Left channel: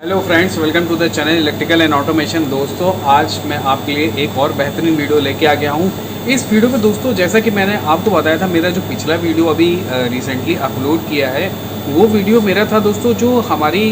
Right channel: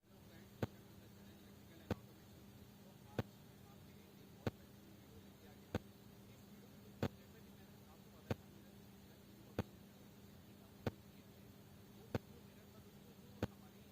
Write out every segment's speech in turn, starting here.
Hello friends, welcome to the channel electrical and automation. दोस्तों, आज मैं आपके लिए एक और बेहतरीन वीडियो लेके आ गया हूँ। इस वीडियो में दोस्तों, जैसा कि मैंने आपको बताया था, मेरा जो पिछला वीडियो अभी रिसेंटली अपलोड किया है, वो वीडियो मेरा था दोस्तों, जो हमारी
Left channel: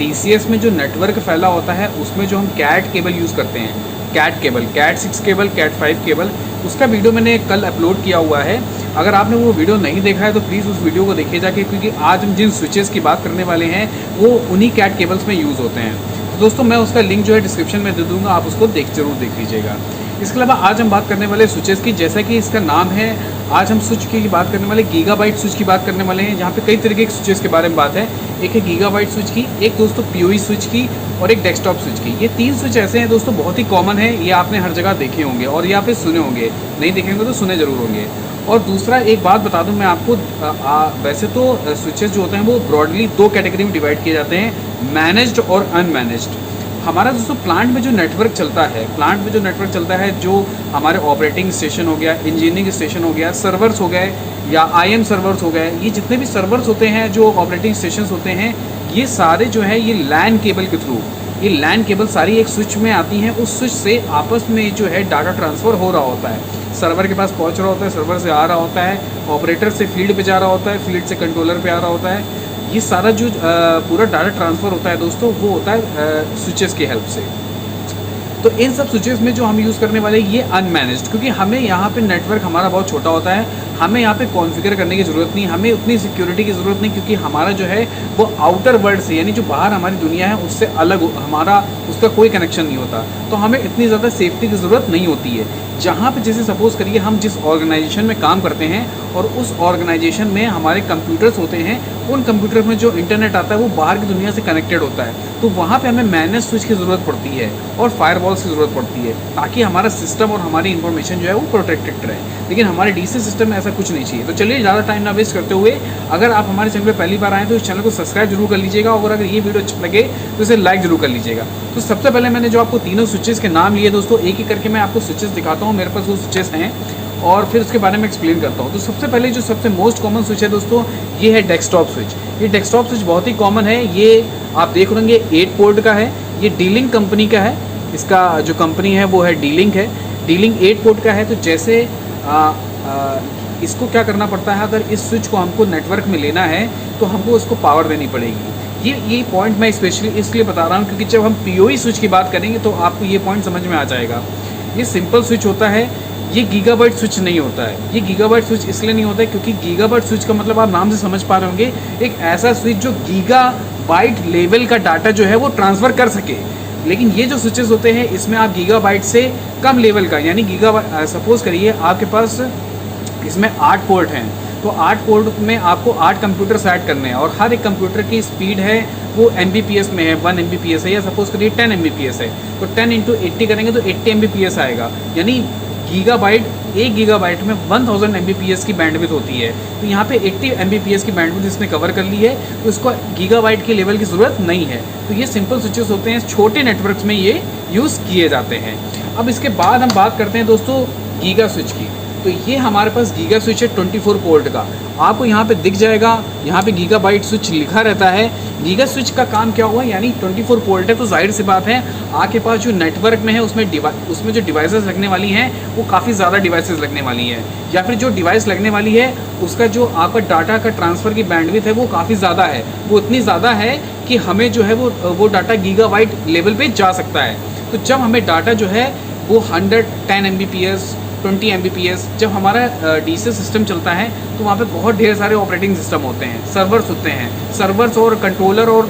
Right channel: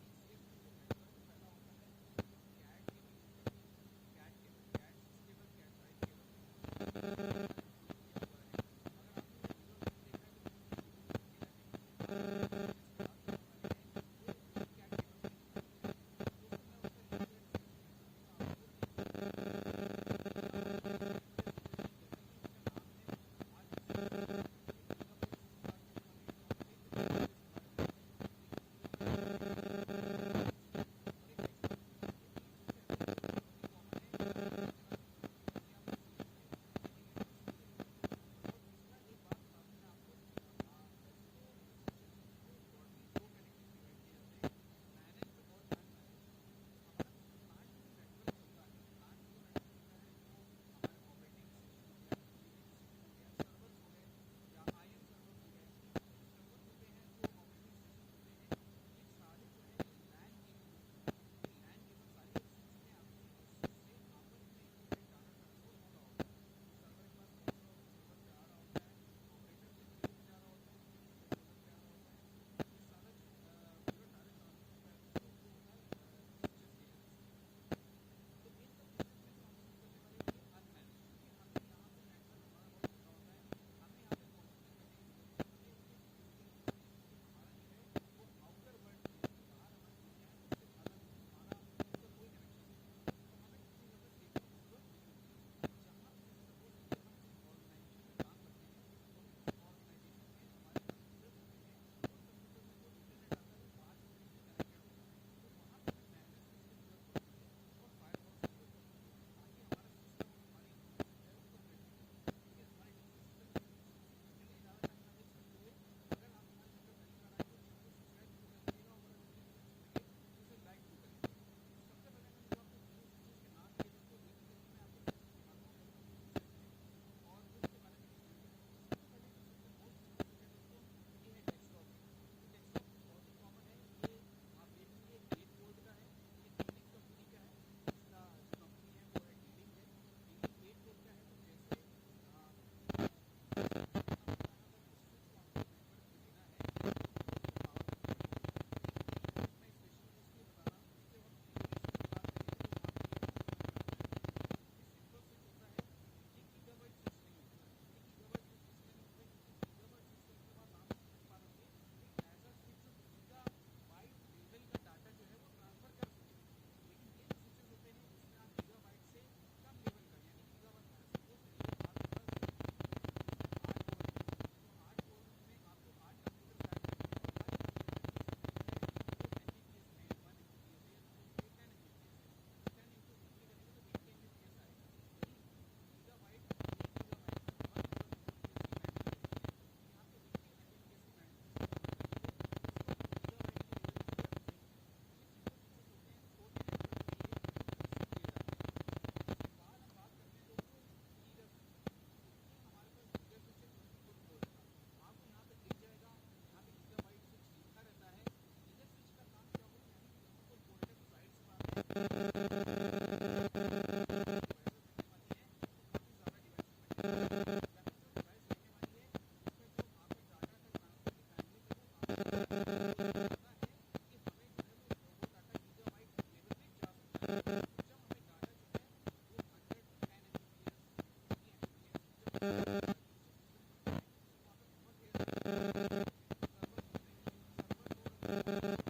DCS में जो नेटवर्क फैला होता है, उसमें जो हम कैट केबल यूज़ करते हैं, Cat cable, Cat 6 cable, Cat 5 cable, उसका वीडियो मैंने कल अपलोड किया हुआ है। अगर आपने वो वीडियो नहीं देखा है तो प्लीज़ उस वीडियो को देखिए जाके, क्योंकि आज हम जिन स्विचेस की बात करने वाले हैं वो उन्हीं कैट केबल्स में यूज़ होते हैं। तो दोस्तों, मैं उसका लिंक जो है डिस्क्रिप्शन में दे दूँगा, आप उसको जरूर देख लीजिएगा। इसके अलावा आज हम बात करने वाले स्विचेस की, जैसा कि इसका नाम है, आज हम स्विच की बात करने वाले, गीगाबाइट स्विच की बात करने वाले हैं। यहाँ पे कई तरीके के स्विचेस के बारे में बात है। एक है गीगाबाइट स्विच की, एक दोस्तों PoE स्विच की, और एक डेस्कटॉप स्विच की। ये 3 स्विच ऐसे हैं दोस्तों, बहुत ही कॉमन है, ये आपने हर जगह देखे होंगे और या फिर सुने होंगे, नहीं देखेंगे तो सुने ज़रूर होंगे। और दूसरा एक बात बता दूं मैं आपको, वैसे तो स्विचेस जो होते हैं वो ब्रॉडली 2 कैटेगरी में डिवाइड किए जाते हैं, मैनेज्ड और अनमैनेज्ड। हमारा दोस्तों प्लांट में जो नेटवर्क चलता है, जो हमारे ऑपरेटिंग स्टेशन हो गया, इंजीनियरिंग स्टेशन हो गया, सर्वर्स हो गए या IM सर्वर्स हो गए, ये जितने भी सर्वर्स होते हैं, जो ऑपरेटिंग स्टेशन होते हैं, ये सारे जो है ये लैन केबल के थ्रू, ये लैन केबल सारी एक स्विच में आती हैं। उस स्विच से आपस में जो है डाटा ट्रांसफ़र हो रहा होता है, सर्वर के पास पहुंच रहा होता है, सर्वर से आ रहा होता है, ऑपरेटर से फील्ड पे जा रहा होता है, फील्ड से कंट्रोलर पे आ रहा होता है। ये सारा जो पूरा डाटा ट्रांसफ़र होता है दोस्तों, वो होता है स्विचेस की हेल्प से। तो इन सब स्विचेस में जो हम यूज़ करने वाले ये अनमैनेज्ड, क्योंकि हमें यहाँ पे नेटवर्क हमारा बहुत छोटा होता है, हमें यहाँ पे कॉन्फ़िगर करने की ज़रूरत नहीं, हमें उतनी सिक्योरिटी की ज़रूरत नहीं, क्योंकि हमारा जो है वो आउटर वर्ल्ड से, यानी जो बाहर हमारी दुनिया है उससे अलग हमारा उसका कोई कनेक्शन नहीं होता। तो हमें इतनी ज़्यादा सेफ्टी की ज़रूरत नहीं होती है। जहाँ पे जैसे सपोज़ करिए हम जिस ऑर्गेनाइजेशन में काम करते हैं और उस ऑर्गेनाइजेशन में हमारे कंप्यूटर्स होते हैं, उन कंप्यूटर में जो इंटरनेट आता है वो बाहर की दुनिया से कनेक्टेड होता है, तो वहाँ पे हमें मैनेज स्विच की ज़रूरत पड़ती है और फायरवॉल्स की ज़रूरत पड़ती है, ताकि हमारा सिस्टम और हमारी इन्फॉर्मेशन जो है वो प्रोटेक्टेड रहे। लेकिन हमारे DC सिस्टम में ऐसा कुछ नहीं चाहिए। तो चलिए, ज़्यादा टाइम ना वेस्ट करते हुए, अगर आप हमारे चैनल पर पहली बार आएँ तो इस चैनल को सब्सक्राइब जरूर कर लीजिएगा, और अगर ये वीडियो अच्छा लगे तो इसे लाइक जरूर कर लीजिएगा। तो सबसे पहले मैंने जो आपको तीनों स्विचेस के नाम लिए दोस्तों, एक एक करके मैं आपको स्विचेस दिखाता हूँ, मेरे पास वो स्विचेस हैं, और फिर उसके बारे में एक्सप्लेन करता हूँ। तो सबसे पहले जो सबसे मोस्ट कॉमन स्विच है दोस्तों, ये है डेस्कटॉप स्विच। ये डेस्कटॉप स्विच बहुत ही कॉमन है। ये आप देख रहे होंगे 8 पोर्ट का है, ये D-Link कंपनी का है। इसका जो कंपनी है वो है D-Link है। D-Link 8 पोर्ट का है। तो जैसे इसको क्या करना पड़ता है, अगर इस स्विच को हमको नेटवर्क में लेना है तो हमको उसको पावर देनी पड़ेगी। ये पॉइंट मैं स्पेशली इसलिए बता रहा हूँ, क्योंकि जब हम PoE स्विच की बात करेंगे तो आपको ये पॉइंट समझ में आ जाएगा। ये सिंपल स्विच होता है, ये गीगाबाइट स्विच नहीं होता है। ये गीगाबाइट स्विच इसलिए नहीं होता है क्योंकि गीगाबाइट स्विच का मतलब आप नाम से समझ पा रहे होंगे, एक ऐसा स्विच जो गीगाबाइट लेवल का डाटा जो है वो ट्रांसफ़र कर सके। लेकिन ये जो स्विचेस होते हैं, इसमें आप गीगाबाइट से कम लेवल का, यानी सपोज़ करिए आपके पास इसमें 8 पोर्ट हैं, तो 8 पोर्ट में आपको 8 कंप्यूटर सेट करने हैं, और हर एक कंप्यूटर की स्पीड है वो MBPS में है, 1 MBPS है, या सपोज़ करिए 10 MBPS है, तो 10 × 80 करेंगे तो 80 MBPS आएगा। यानी गीगाबाइट, 1 गीगाबाइट में 1000 MBPS की बैंडविड्थ होती है। तो यहाँ पे 80 MBPS की बैंडविड्थ इसने कवर कर ली है, तो इसको गीगाबाइट के लेवल की ज़रूरत नहीं है। तो ये सिंपल स्विचेस होते हैं, छोटे नेटवर्क्स में ये यूज़ किए जाते हैं। अब इसके बाद हम बात करते हैं दोस्तों गीगा स्विच की। तो ये हमारे पास गीगा स्विच है 24 पोर्ट का। आपको यहाँ पे दिख जाएगा, यहाँ पे गीगाबाइट स्विच लिखा रहता है। गीगा स्विच का काम क्या हुआ, यानी 24 पोर्ट है, तो जाहिर सी बात है आपके पास जो नेटवर्क में है उसमें जो डिवाइसेस लगने वाली हैं वो काफ़ी ज़्यादा डिवाइसेस लगने वाली हैं, या फिर जो डिवाइस लगने वाली है उसका जो आपका डाटा का ट्रांसफ़र की बैंडविड्थ है वो काफ़ी ज़्यादा है। वो इतनी ज़्यादा है कि हमें जो है वो डाटा गीगाबाइट लेवल पर जा सकता है। तो जब हमें डाटा जो है वो 110 MBPS, 20 MBPS, जब हमारा DC सिस्टम चलता है तो वहाँ पे बहुत ढेर सारे ऑपरेटिंग सिस्टम होते हैं, सर्वर्स होते हैं। सर्वर्स और कंट्रोलर और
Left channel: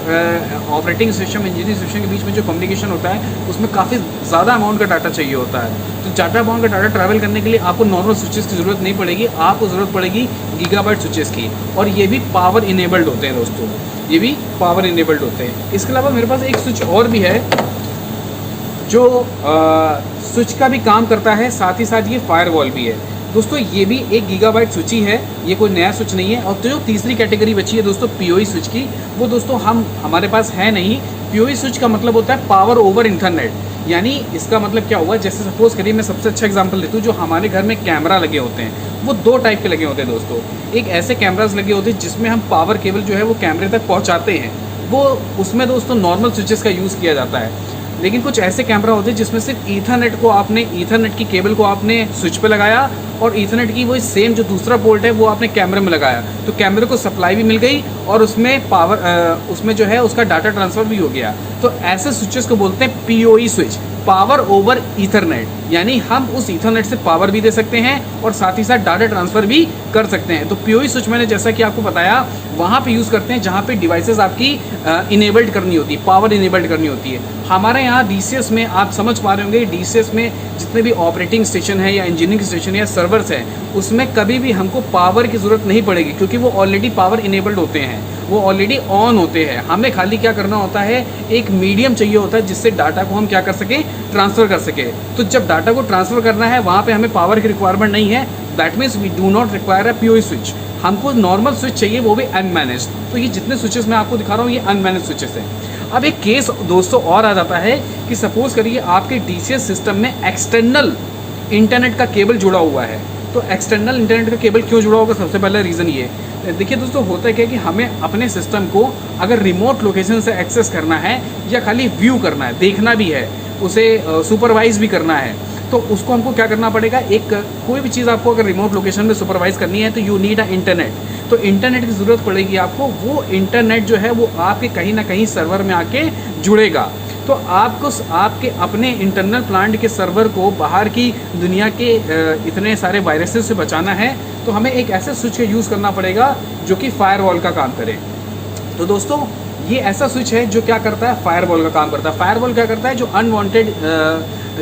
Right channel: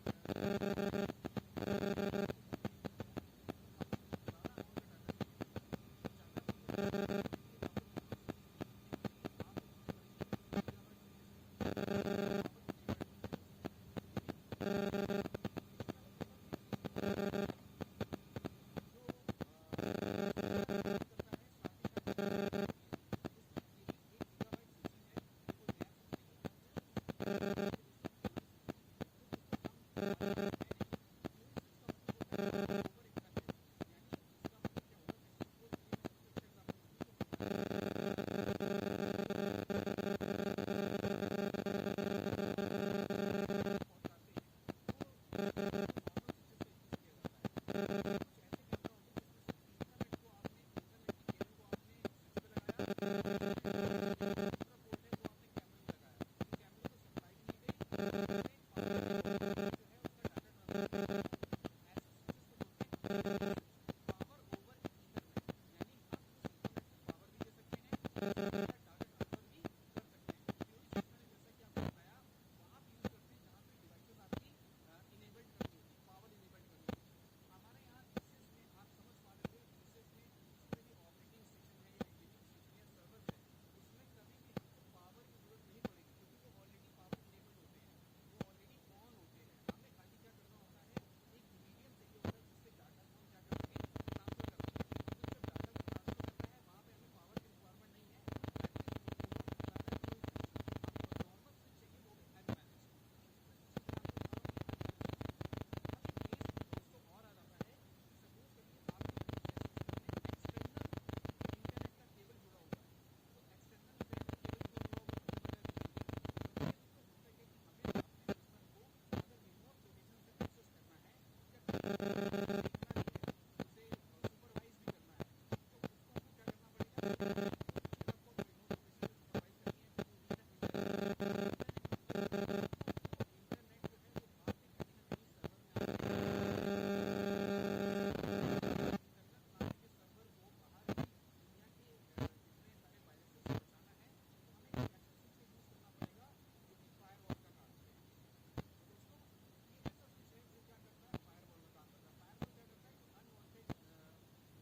ऑपरेटिंग सिस्टम, इंजीनियरिंग सिस्टम के बीच में जो कम्युनिकेशन होता है उसमें काफ़ी ज़्यादा अमाउंट का डाटा चाहिए होता है। तो ज़्यादा अमाउंट का डाटा ट्रैवल करने के लिए आपको नॉर्मल स्विचेस की ज़रूरत नहीं पड़ेगी, आपको ज़रूरत पड़ेगी गीगाबाइट स्विचेस की, और ये भी पावर इनेबल्ड होते हैं दोस्तों, ये भी पावर इनेबल्ड होते हैं। इसके अलावा मेरे पास एक स्विच और भी है जो स्विच का भी काम करता है, साथ ही साथ ये फायरवॉल भी है दोस्तों। ये भी एक गीगाबाइट स्विच ही है, ये कोई नया स्विच नहीं है। और तो जो तीसरी कैटेगरी बची है दोस्तों PoE स्विच की, वो दोस्तों हमारे पास है नहीं। PoE स्विच का मतलब होता है पावर ओवर इंटरनेट, यानी इसका मतलब क्या हुआ, जैसे सपोज़ करिए मैं सबसे अच्छा एग्जांपल देता हूँ, जो हमारे घर में कैमरा लगे होते हैं वो 2 टाइप के लगे होते हैं दोस्तों। एक ऐसे कैमराज लगे होते हैं जिसमें हम पावर केबल जो है वो कैमरे तक पहुँचाते हैं, वो उसमें दोस्तों नॉर्मल स्विचेस का यूज़ किया जाता है। लेकिन कुछ ऐसे कैमरा होते हैं जिसमें सिर्फ ईथरनेट को आपने, ईथरनेट की केबल को आपने स्विच पे लगाया और ईथरनेट की वही सेम जो दूसरा पोर्ट है वो आपने कैमरे में लगाया, तो कैमरे को सप्लाई भी मिल गई और उसमें पावर उसमें जो है उसका डाटा ट्रांसफ़र भी हो गया। तो ऐसे स्विचेस को बोलते हैं PoE switch, power over Ethernet, यानी हम उस ईथरनेट से पावर भी दे सकते हैं और साथ ही साथ डाटा ट्रांसफ़र भी कर सकते हैं। तो पीओई स्विच मैंने जैसा कि आपको बताया वहाँ पे यूज़ करते हैं जहाँ पे डिवाइसेस आपकी इनेबल्ड करनी होती है, पावर इनेबल्ड करनी होती है। हमारे यहाँ डीसीएस में आप समझ पा रहे होंगे, डीसीएस में जितने भी ऑपरेटिंग स्टेशन है या इंजीनियरिंग स्टेशन या सर्वर्स हैं उसमें कभी भी हमको पावर की ज़रूरत नहीं पड़ेगी, क्योंकि वो ऑलरेडी पावर इनेबल्ड होते हैं, वो ऑलरेडी ऑन होते हैं। हमें खाली क्या करना होता है, एक मीडियम चाहिए होता है जिससे डाटा को हम क्या कर सकें, ट्रांसफ़र कर सकें। तो जब डाटा को ट्रांसफ़र करना है वहाँ पे हमें पावर की रिक्वायरमेंट नहीं है, that means we do not require a PoE switch. हमको नॉर्मल स्विच चाहिए, वो भी अनमैनेज। तो ये जितने स्विचेस मैं आपको दिखा रहा हूँ ये अनमैनेज स्विचेस हैं। अब एक केस दोस्तों और आ जाता है कि सपोज़ करिए आपके डीसीएस सिस्टम में एक्सटर्नल इंटरनेट का केबल जुड़ा हुआ है। तो एक्सटर्नल इंटरनेट का केबल क्यों जुड़ा होगा, सबसे पहला रीज़न ये देखिए दोस्तों, होता है क्या कि हमें अपने सिस्टम को अगर रिमोट लोकेशन से एक्सेस करना है या खाली व्यू करना है, देखना भी है, उसे सुपरवाइज भी करना है, तो उसको हमको क्या करना पड़ेगा, एक कोई भी चीज़ आपको अगर रिमोट लोकेशन में सुपरवाइज करनी है तो यू नीड अ इंटरनेट। तो इंटरनेट की ज़रूरत पड़ेगी आपको। वो इंटरनेट जो है वो आपके कहीं ना कहीं सर्वर में आके जुड़ेगा। तो आपको आपके अपने इंटरनल प्लांट के सर्वर को बाहर की दुनिया के इतने सारे वायरसेस से बचाना है, तो हमें एक ऐसे स्विच का यूज़ करना पड़ेगा जो कि फायरवॉल का काम करे। तो दोस्तों ये ऐसा स्विच है जो क्या करता है, फायरवॉल का काम करता है। फायरवॉल क्या करता है, जो अनवांटेड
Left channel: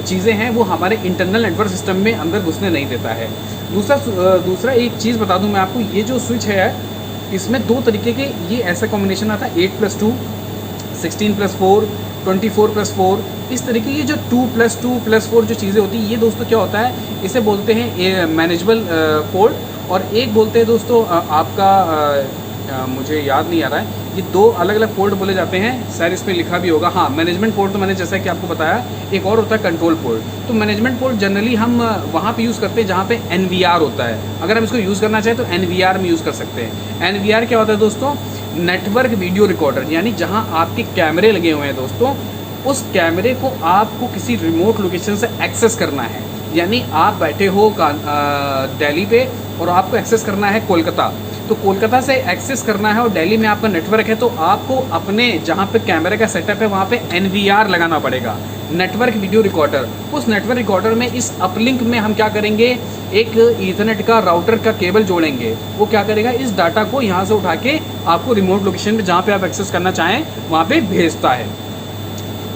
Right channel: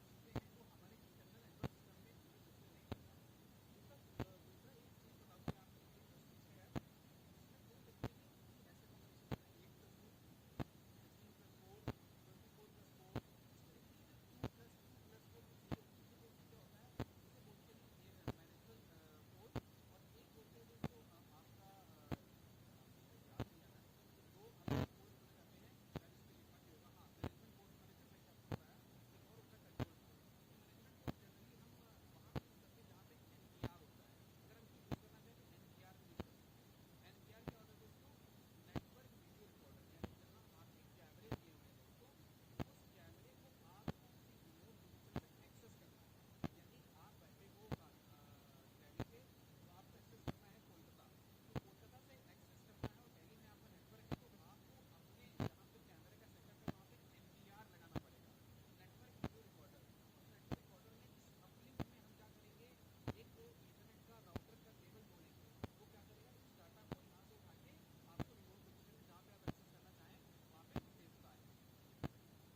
चीज़ें हैं वो हमारे इंटरनल नेटवर्क सिस्टम में अंदर घुसने नहीं देता है। दूसरा एक चीज़ बता दूं मैं आपको, ये जो स्विच है इसमें दो तरीके के ये ऐसा कॉम्बिनेशन आता है, 8+2, 16+4, 24+4, इस तरीके की जो 2+2+4 जो चीज़ें होती हैं, ये दोस्तों क्या होता है, इसे बोलते हैं मैनेजेबल पोर्ट। और एक बोलते हैं दोस्तों आपका मुझे याद नहीं आ रहा है, ये दो अलग अलग पोर्ट बोले जाते हैं, शायद इस पर लिखा भी होगा। हाँ, मैनेजमेंट पोर्ट तो मैंने जैसा कि आपको बताया, एक और होता है कंट्रोल पोर्ट। तो मैनेजमेंट पोर्ट जनरली हम वहाँ पे यूज़ करते हैं जहाँ पे NVR होता है। अगर हम इसको यूज़ करना चाहें तो NVR में यूज़ कर सकते हैं। NVR क्या होता है दोस्तों, नेटवर्क वीडियो रिकॉर्डर, यानी जहाँ आपके कैमरे लगे हुए हैं दोस्तों, उस कैमरे को आपको किसी रिमोट लोकेशन से एक्सेस करना है। यानी आप बैठे हो दिल्ली पे और आपको एक्सेस करना है कोलकाता, तो कोलकाता से एक्सेस करना है और दिल्ली में आपका नेटवर्क है, तो आपको अपने जहाँ पे कैमरे का सेटअप है वहाँ पे NVR लगाना पड़ेगा, नेटवर्क वीडियो रिकॉर्डर। उस नेटवर्क रिकॉर्डर में इस अपलिंक में हम क्या करेंगे, एक ईथरनेट का राउटर का केबल जोड़ेंगे। वो क्या करेगा, इस डाटा को यहाँ से उठा के आपको रिमोट लोकेशन पे जहाँ पे आप एक्सेस करना चाहें वहाँ पे भेजता है।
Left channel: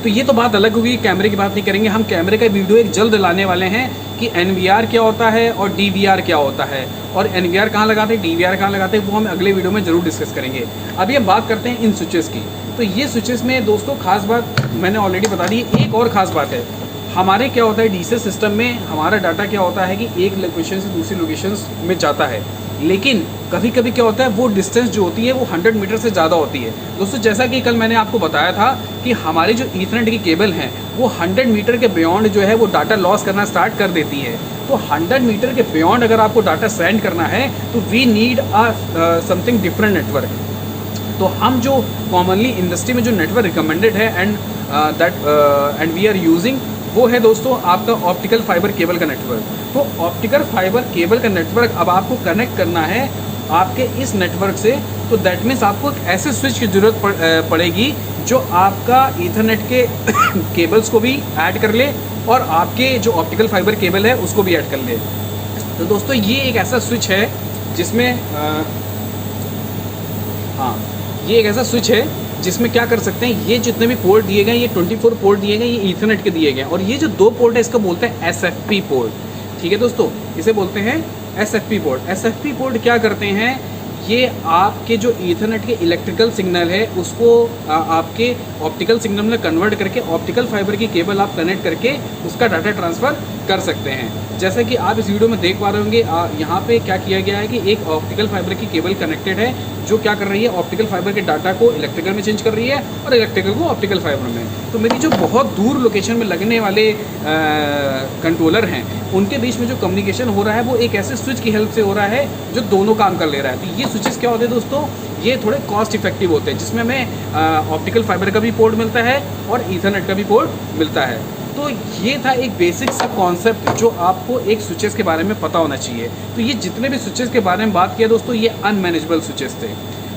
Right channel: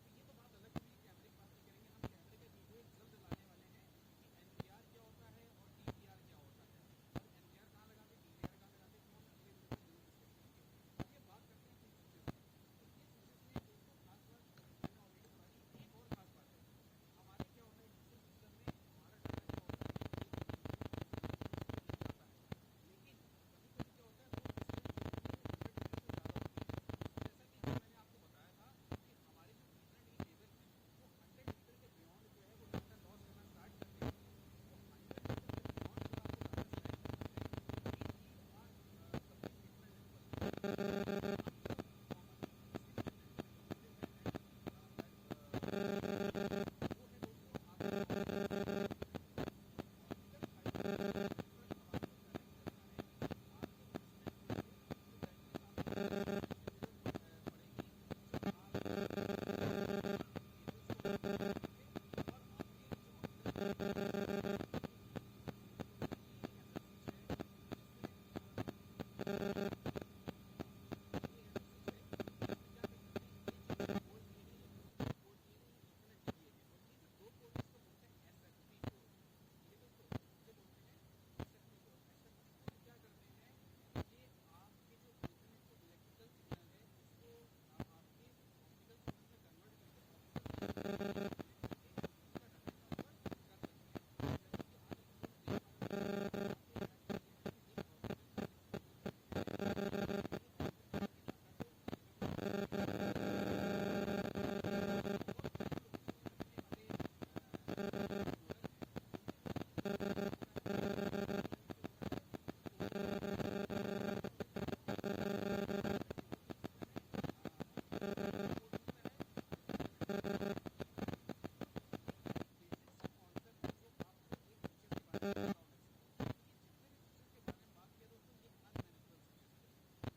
तो ये तो बात अलग होगी, कैमरे की बात नहीं करेंगे। हम कैमरे का वीडियो एक जल्द लाने वाले हैं कि NVR क्या होता है और DVR क्या होता है, और NVR कहाँ लगाते हैं, DVR कहाँ लगाते हैं, वो हम अगले वीडियो में ज़रूर डिस्कस करेंगे। अभी हम बात करते हैं इन स्विचेस की। तो ये स्विचेस में दोस्तों खास बात मैंने ऑलरेडी बता दी। एक और ख़ास बात है, हमारे क्या होता है डीसीएस सिस्टम में, हमारा डाटा क्या होता है कि एक लोकेशन से दूसरी लोकेशन में जाता है, लेकिन कभी कभी क्या होता है वो डिस्टेंस जो होती है वो 100 मीटर से ज़्यादा होती है। दोस्तों जैसा कि कल मैंने आपको बताया था कि हमारी जो ईथरनेट की केबल हैं वो 100 मीटर के बियॉन्ड जो है वो डाटा लॉस करना स्टार्ट कर देती है। तो 100 मीटर के बियॉन्ड अगर आपको डाटा सेंड करना है तो we need something different network. तो हम जो कॉमनली इंडस्ट्री में जो नेटवर्क रिकमेंडेड है एंड वी आर यूजिंग, वो है दोस्तों आपका ऑप्टिकल फाइबर केबल का नेटवर्क। तो ऑप्टिकल फाइबर केबल का नेटवर्क अब आपको कनेक्ट करना है आपके इस नेटवर्क से, तो दैट मीन्स आपको एक ऐसे स्विच की ज़रूरत पड़ेगी जो आपका ईथरनेट के केबल्स को भी ऐड कर ले और आपके जो ऑप्टिकल फाइबर केबल है उसको भी ऐड कर ले। तो दोस्तों ये एक ऐसा स्विच है जिसमें ये एक ऐसा स्विच है जिसमें क्या कर सकते हैं, ये जितने भी पोर्ट दिए गए, ये 24 पोर्ट दिए गए, ये ईथरनेट के दिए गए, और ये जो दो पोर्ट है इसको बोलते हैं SFP पोर्ट। ठीक है दोस्तों, इसे बोलते हैं SFP पोर्ट। SFP पोर्ट क्या करते हैं, ये आपके जो ईथरनेट के इलेक्ट्रिकल सिग्नल है उसको आपके ऑप्टिकल सिग्नल में कन्वर्ट करके ऑप्टिकल फाइबर की केबल आप कनेक्ट करके उसका डाटा ट्रांसफ़र कर सकते हैं। जैसा कि आप इस वीडियो में देख पा रहे होंगे, यहाँ पे क्या किया गया है कि एक ऑप्टिकल फाइबर की केबल कनेक्टेड है जो क्या कर रही है, ऑप्टिकल फाइबर के डाटा को इलेक्ट्रिकल में चेंज कर रही है और इलेक्ट्रिकल को ऑप्टिकल फाइबर में। तो मेरी जो बहुत दूर लोकेशन में लगने वाले कंट्रोलर हैं उनके बीच में जो कम्युनिकेशन हो रहा है वो एक ऐसे स्विच की हेल्प से हो रहा है जो दोनों काम कर ले रहा है। तो ये स्विचेस क्या होते हैं दोस्तों, ये थोड़े कॉस्ट इफेक्टिव होते हैं, जिसमें हमें ऑप्टिकल फाइबर का भी पोर्ट मिलता है और ईथरनेट का भी पोर्ट मिलता है। तो ये था एक बेसिक सा कॉन्सेप्ट जो आपको एक स्विचेस के बारे में पता होना चाहिए। तो ये जितने भी स्विचेस के बारे में बात किया दोस्तों, ये अनमैनेजेबल स्विचेस थे।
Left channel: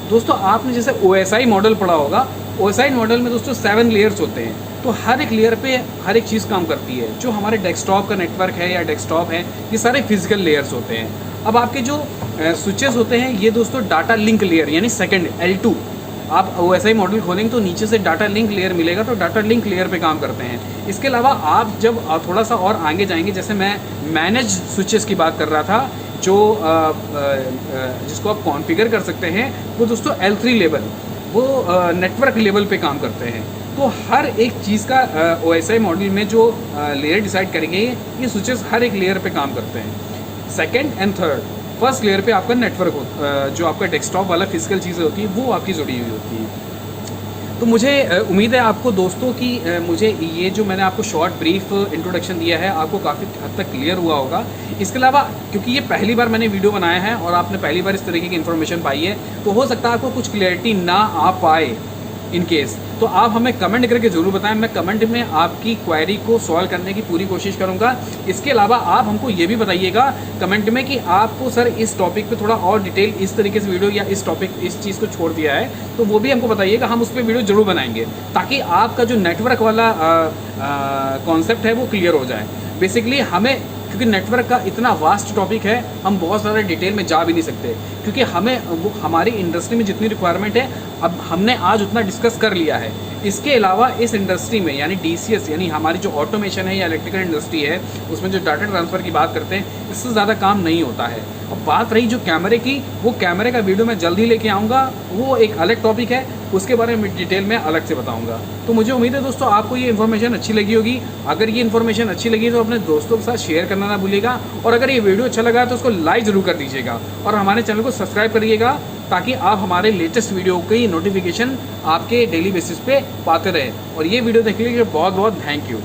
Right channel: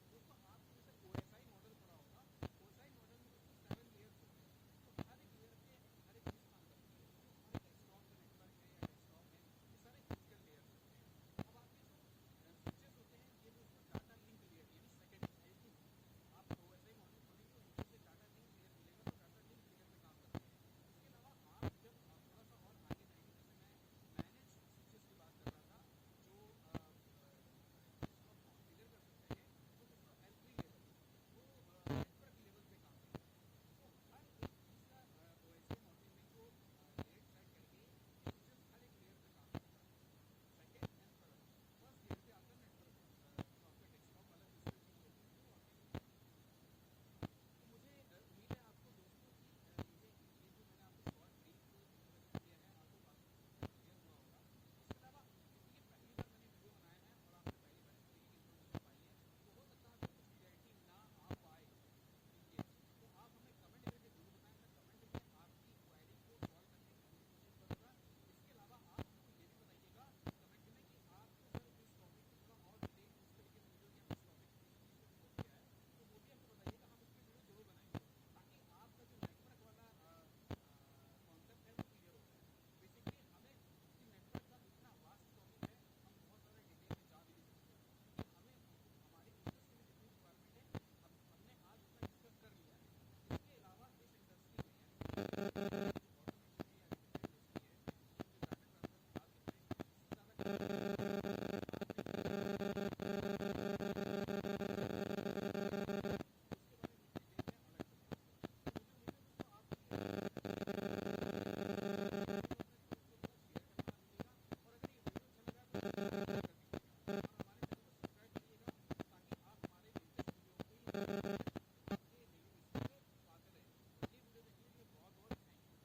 दोस्तों आपने जैसे OSI मॉडल पढ़ा होगा, OSI मॉडल में दोस्तों 7 लेयर्स होते हैं। तो हर एक लेयर पे हर एक चीज़ काम करती है। जो हमारे डेस्कटॉप का नेटवर्क है या डेस्कटॉप है, ये सारे फिजिकल लेयर्स होते हैं। अब आपके जो स्विचेस होते हैं, ये दोस्तों डाटा लिंक लेयर यानी सेकंड L2, आप OSI मॉडल खोलेंगे तो नीचे से डाटा लिंक लेयर मिलेगा, तो डाटा लिंक लेयर पे काम करते हैं। इसके अलावा आप जब थोड़ा सा और आगे जाएंगे, जैसे मैं मैनेज स्विचेस की बात कर रहा था, जो जिसको आप कॉन्फ़िगर कर सकते हैं, वो दोस्तों L3 लेवल, वो नेटवर्क लेवल पे काम करते हैं। तो हर एक चीज़ का OSI मॉडल में जो लेयर डिसाइड करेंगे, ये स्विचेस हर एक लेयर पे काम करते हैं। Second and third, first layer पे आपका नेटवर्क जो आपका डेस्कटॉप वाला फिजिकल चीज़ें होती है, वो आपकी जुड़ी हुई होती है। तो मुझे उम्मीद है आपको दोस्तों कि मुझे ये जो मैंने आपको शॉर्ट ब्रीफ इंट्रोडक्शन दिया है, आपको काफ़ी हद तक क्लियर हुआ होगा। इसके अलावा क्योंकि ये पहली बार मैंने वीडियो बनाया है और आपने पहली बार इस तरीके की इन्फॉर्मेशन पाई है, तो हो सकता है आपको कुछ क्लियरिटी ना आ पाए। इन केस तो आप हमें कमेंट करके ज़रूर बताएं, मैं कमेंट में आपकी क्वेरी को सॉल्व करने की पूरी कोशिश करूंगा। इसके अलावा आप हमको ये भी बताइएगा कमेंट में कि आपको सर इस टॉपिक पे थोड़ा और डिटेल इस तरीके से वीडियो, या इस टॉपिक इस चीज़ को छोड़ दिया है, तो वो भी हमको बताइएगा, हम उस पर वीडियो ज़रूर बनाएंगे, ताकि आपका जो नेटवर्क वाला कॉन्सेप्ट है वो क्लियर हो जाए। बेसिकली हमें, क्योंकि नेटवर्क का इतना वास्ट टॉपिक है, हम बहुत ज़्यादा डिटेल में जा भी नहीं सकते, क्योंकि हमें वो हमारी इंडस्ट्री में जितनी रिक्वायरमेंट है, अब हमने आज उतना डिस्कस कर लिया है। इसके अलावा इस इंडस्ट्री में यानी DCS यानी हमारी जो ऑटोमेशन है या इलेक्ट्रिकल इंडस्ट्री है, उसमें जो डाटा ट्रांसफ़र की बात करते हैं, इससे ज़्यादा काम नहीं होता है। अब बात रही जो कैमरे की, वो कैमरे का वीडियो मैं जल्द ही लेके आऊँगा, वो एक अलग टॉपिक है, उसके बारे में डिटेल में अलग से बताऊँगा। तो मुझे उम्मीद है दोस्तों आपको ये इन्फॉर्मेशन अच्छी लगी होगी। अगर ये इन्फॉर्मेशन अच्छी लगी तो अपने दोस्तों के साथ शेयर करना ना भूलिएगा, और अगर ये वीडियो अच्छा लगा तो उसको लाइक ज़रूर कर दीजिएगा, और हमारे चैनल को सब्सक्राइब करिएगा, ताकि आप हमारे लेटेस्ट वीडियो की नोटिफिकेशन आपके डेली बेसिस पे पाते रहें। और ये वीडियो देखने के लिए बहुत बहुत थैंक यू।